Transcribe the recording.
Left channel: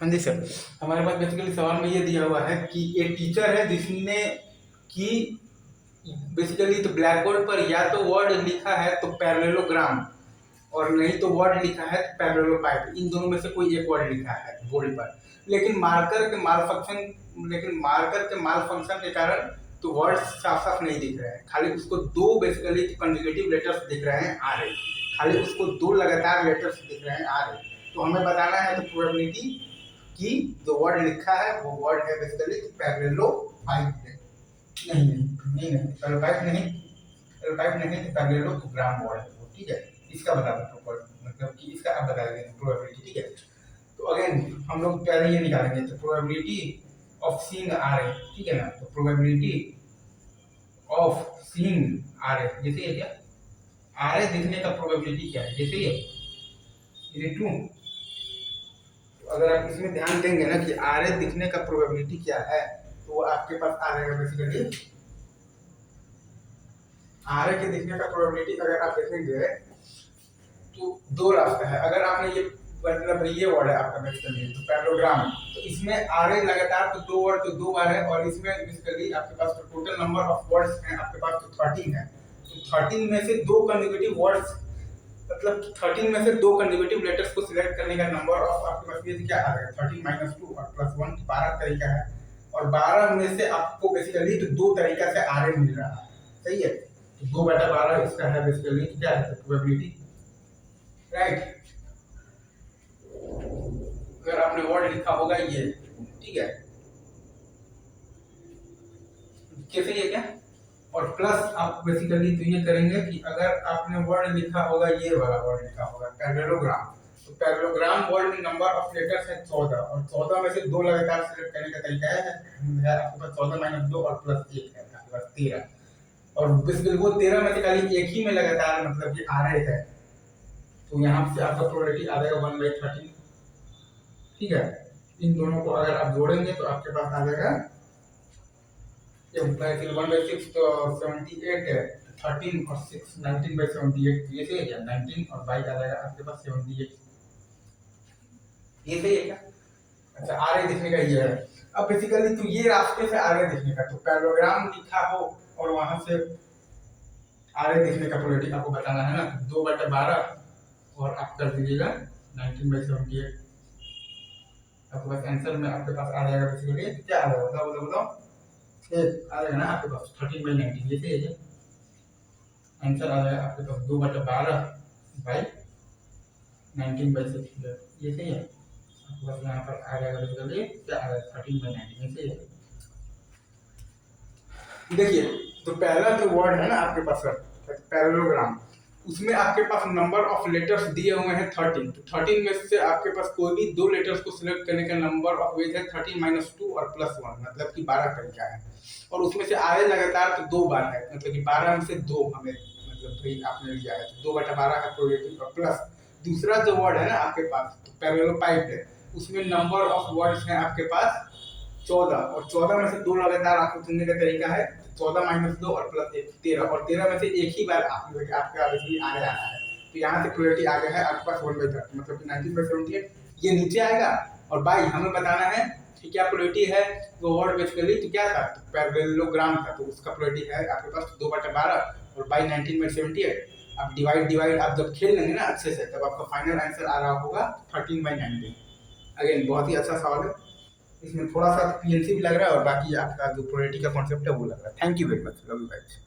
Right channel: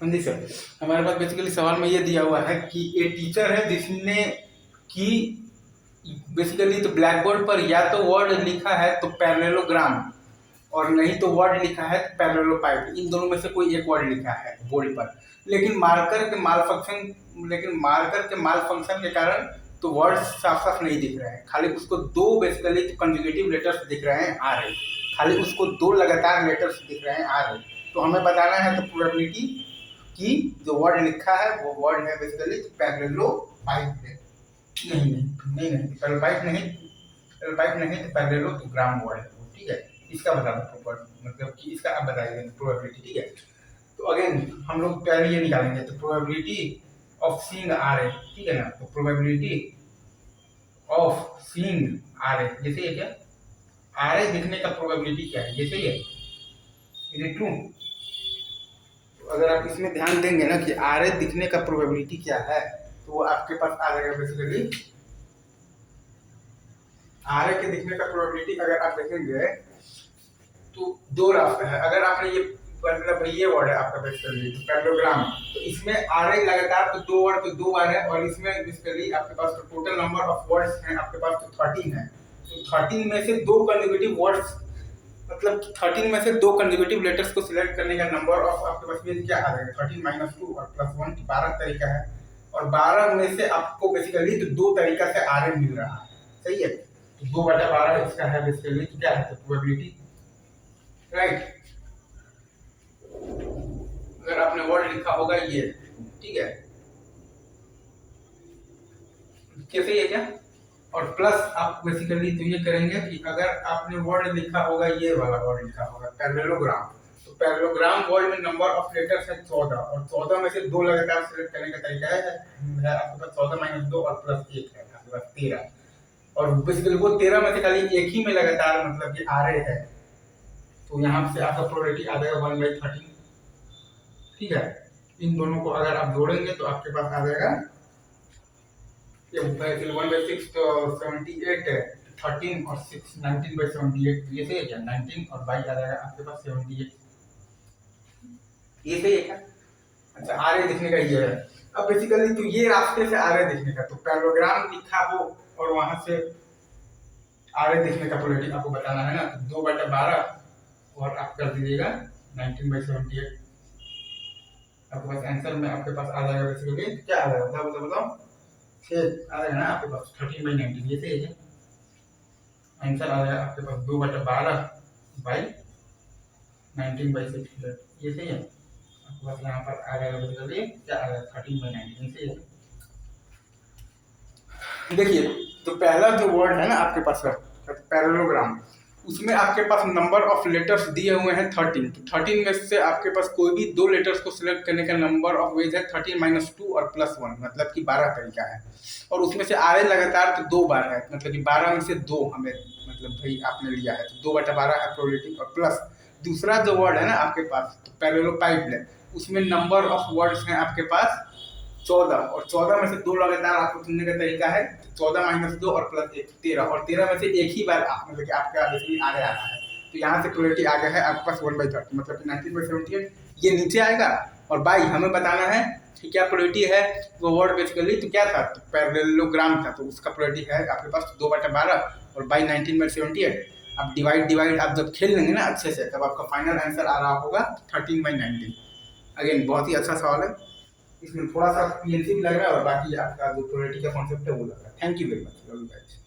हाँ जी सर, हमारे पास बेसिकली सवाल में ये दिया हुआ है कि एक टीचर है जिसने कि बेसिकली तो ब्लैक बोर्ड पर या तो वर्ड लिखा है तो पैरेललोग्राम, और नहीं तो वर्ड लिखा है तो पैरेललोपाइप, इन दोनों में से कोई एक वर्ड लिखा है बोर्ड पर। लेकिन मार्कर के माल फंक्शन के कारण तो वर्ड साफ साफ नहीं दिख रहे हैं, खाली उसको दो बेसिकली कंजुगेटिव लेटर्स दिख रहे हैं आ रहे, खाली उसको दो लगातार लेटर्स दिख रहे हैं आ रहे। तो हमें बताना है तो प्रोबेबिलिटी कि जो वर्ड लिखा है वो वर्ड है बेसिकली पैरेललोपाइप है। नहीं पैरेललोपाइप नहीं तो पैरेललोग्राम वर्ड है वो, ठीक है। इसका बता दो मतलब कि इसका आप बताइए प्रोबेबिलिटी, ठीक है। तो अगेन हम लोग पहले ये निकालेंगे तो probability of seeing R A, ठीक है ना। तो probability of seeing R A जैसे ये क्या आर ए दिखने का प्रोबेबिलिटी क्या है, जैसे ये इज इट ट्रू। अगर आप इसमें ध्यान देंगे ना कि आर ए दिखने का प्रोबेबिलिटी क्या है, तो वो आपके पास आ जाएगा बेसिकली आर ए के दिखने का प्रोबेबिलिटी। अगर आप देखेंगे तो दो रास्ते हैं। अगर आपने ये मतलब ये वर्ड है आपका बेसिकली तो पैरेललोग्राम, तो इसमें आर ए लगातार तो दो वर्ड तो दो बार है, और इसमें बेसिकली आपके पास तो टोटल नंबर ऑफ वर्ड्स हैं आपके पास तो 13 है। तो 13 में से दो कंसेक्यूटिव वर्ड्स मतलब 13 में से दो कंसेक्यूटिव लेटर्स को सिलेक्ट करने का नंबर ऑफ आपके पास ये क्या आ जाएगा 13 - 2 और +1, 12 तरीका है। और 12 में से आपको बेसिकली तो दो तरीका से आर ए मिल रहा है, सही है। तो 2/12 इसका है बेसिकली क्या है तो प्रोबेबिलिटी, राइट। अगर आपने वर्ड लिखा होगा ये, ठीक है, कैसे ये क्या, और प्लस आप बेसिकली तो ये करेंगे कि अगर आपने वर्ड लिखा होगा ये वाला वर्ड लिखा होगा पैरेललोग्राम, तो पैरेललोग्राम वर्ड में नंबर ऑफ लेटर्स है 14, और 14 में से दो लगातार सिलेक्ट करने का तरीका है आपके पास 14 - 2 और +1 है आपके पास 13, और बेसिकली वो 13 में से खाली एक ही में लगातार मतलब कि आ रहे है। तो यहाँ से आपका प्रोबेबिलिटी आ जाएगा 1/13, ठीक है। इन दोनों को अगर आप जोड़ेंगे तो आपके पास आ जाएगा ये 1/6 तो 78 है, 13 और 6 19/78, ये सही है क्या 19 और 22 आ जाएगा आपके पास 78, ये सही है क्या। अच्छा आर ए दिखने का ये है। अब बेसिकली तो ये रास्ते से आर ए दिखने का तो पैरेललोग्राम लिखा हो और वहां से आर ए दिखने का प्रोबेबिलिटी आपको बताना है ना, 2/12 और आप कर दीजिएगा 19/78, आपके पास आंसर में आपके पास आ जाएगा बेसिकली क्या आ जाएगा बताओ 6 आ जाएगा ना आपके पास 13/19, ये सही है। आंसर आ जाएगा आपके पास 2/12/19/6, ये सही है। आपके पास यहाँ पर आ जाएगा बेसिकली क्या आ जाएगा 13/19, ये सही है। देखिए तो पहला जो वर्ड है ना आपके पास पैरेललोग्राम, उसमें आपके पास नंबर ऑफ लेटर्स दिए हुए हैं 13, तो 13 में से आपके पास कोई भी दो लेटर्स को सिलेक्ट करने का नंबर ऑफ वेज है 13 - 2 और +1 मतलब कि 12 तरीका है, और उसमें से आर ए लगातार तो दो बार है मतलब कि 12 में से दो हमें मतलब भाई आपने लिया है तो 2/12 है प्रोबेबिलिटी, और प्लस दूसरा जो वर्ड है ना आपके पास तो पैरेललोपाइप है, उसमें नंबर ऑफ वर्ड्स हैं आपके पास 14, और 14 में से दो लगातार आपको चुनने का तरीका है 14 - 2 और +1 13, और 13 में से एक ही बार मतलब कि आपका बेसिकली आगे आ रहा है। तो यहाँ से प्रोबेबिलिटी आ गया है आपके पास 1/30 मतलब कि 19/78, ये नीचे आएगा। और बाई हमें बताना है कि क्या प्रोबेबिलिटी है, वो वर्ड बेसिकली तो क्या था तो पैरेललोग्राम था, तो उसका प्रोबेबिलिटी है आपके पास 2/12 और बाई 19/78। अब डिवाइड आप जब खेल लेंगे ना अच्छे से तब आपका फाइनल आंसर आ रहा होगा 13/19। अगेन बहुत ही अच्छा सवाल है, इसमें थोड़ा सा पीएनसी भी लग रहा है और बाकी आपका जो प्रोबेबिलिटी का कॉन्सेप्ट है वो लग रहा है। Thank you very much, love you guys.